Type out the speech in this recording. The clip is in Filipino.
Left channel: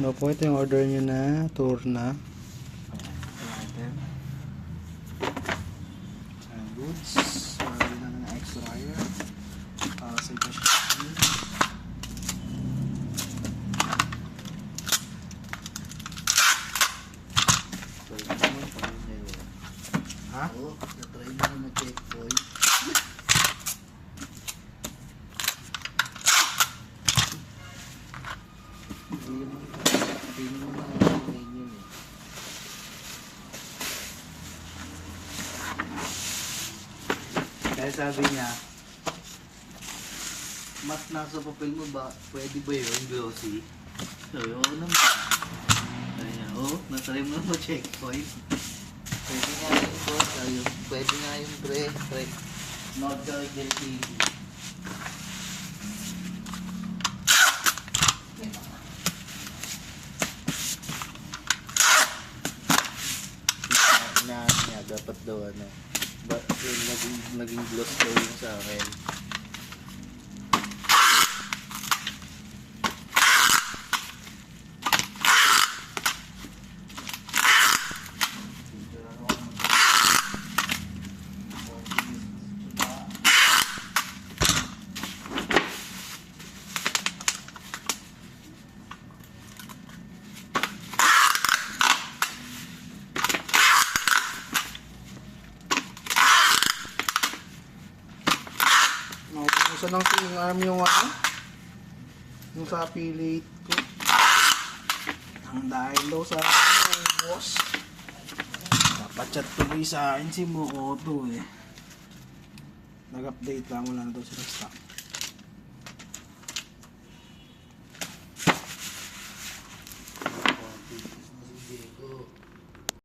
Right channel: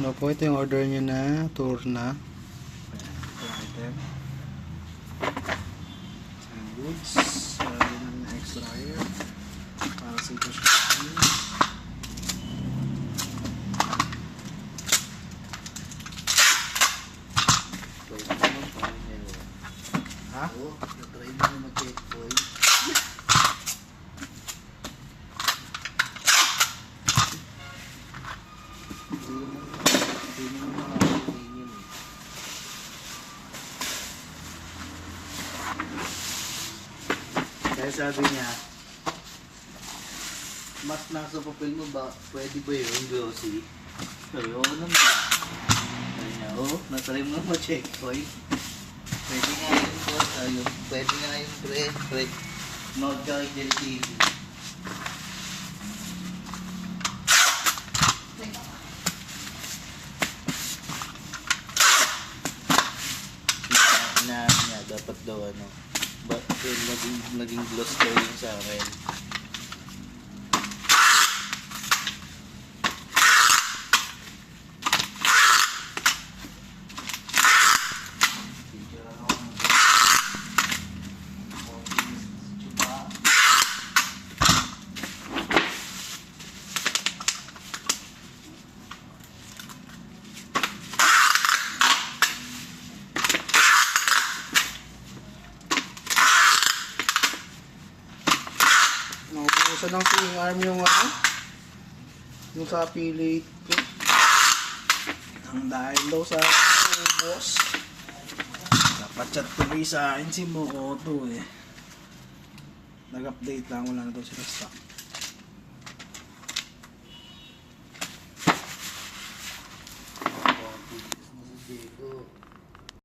No po, ito yung order nyo na tour na. Goods. Lagi namin na extra iron. Para sa ito siya. Ha? Oo, na-try mo na mag-checkpoint. Hindi mo makakalimutan yun eh. Kaya sabi niya, mas nasa papel mo ba, pwede ba yun, glossy? Sabi ko, ano na? Sabi niya, oo, na-try mo na mag-checkpoint. Pwede nga yun po, sabi ko, pwede nga yun pre, note ka kay Del TV. Inaano niya, dapat daw ano, naging gloss daw yung sa akin. Isa ng swing arm yung ano, yung sa affiliate ko. Ang dahil daw sa boss. Napachat tuloy sa akin si Mokoto eh. Nag-update lang, wala na daw sila stock.